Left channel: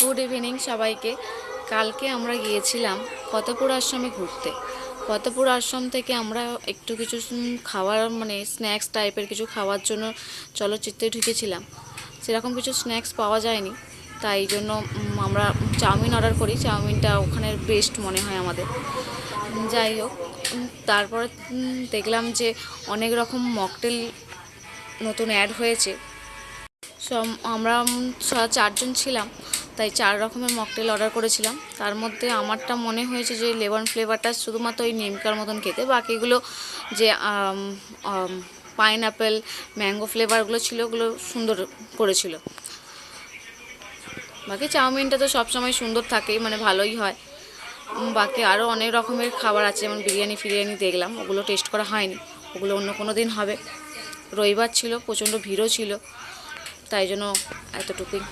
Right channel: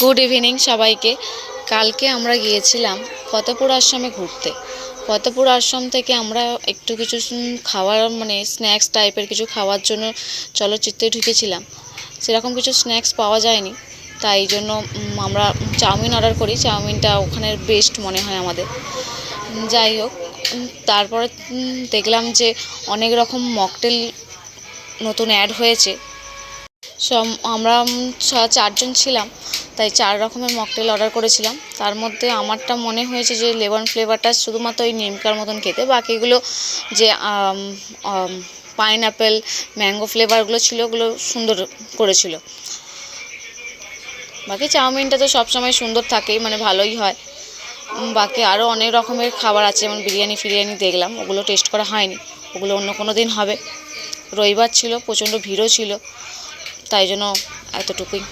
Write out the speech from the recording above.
Good evening সবাইকে। কালকে আমরা গিয়েছিলাম ফতেপুর আশ্রমে ঘুরতে। ফতেপুর আশ্রম থেকে আমরা একটু কিছু খাওয়ার মানে স্ন্যাক্স টাইপের কিছু খাওয়ার জন্য চলচ্চিত্রে ঢুকেছিলাম। সেরকম কিছু স্ন্যাক্স পাওয়া যায়নি, তাই জন্য আমরা চাউমিন অর্ডার করি। চাউমিনটা ওখানের বেস্ট মনে হয় আমাদের। যাই হোক, তারপরে দেখলাম যে অনেক রকম মকটেল নতুন অ্যাড হয়েছে। সব আমরা চারজন ছিলাম, তাই 4 রকমের মকটেল অর্ডার করেছিলাম। তার মধ্যে আমারটা মনে হয়েছে যে লেমন ফ্লেভারটা শুধুমাত্র ওই নিমকার মতন খেতে, বাকিগুলো যে পাইনঅ্যাপেল ম্যাঙ্গো ফ্লেভারগুলো ছিল ওগুলো সুন্দর করেছিল। বাকি চাউমিনটা তো সবসময় সুন্দর থাকেই, মানে ভালোই হয়। বাকি আরও অনেক রকমের খাবার আছে, যেমন বিরিয়ানি ফিরিয়ানি দেখলাম, ওগুলো টেস্ট করা হয়নি, ওগুলো অন্য কোনো দিন হবে। রবিবার ছিল, প্রচণ্ড ভিড়ও ছিল, তাই জন্য এতটুকুই।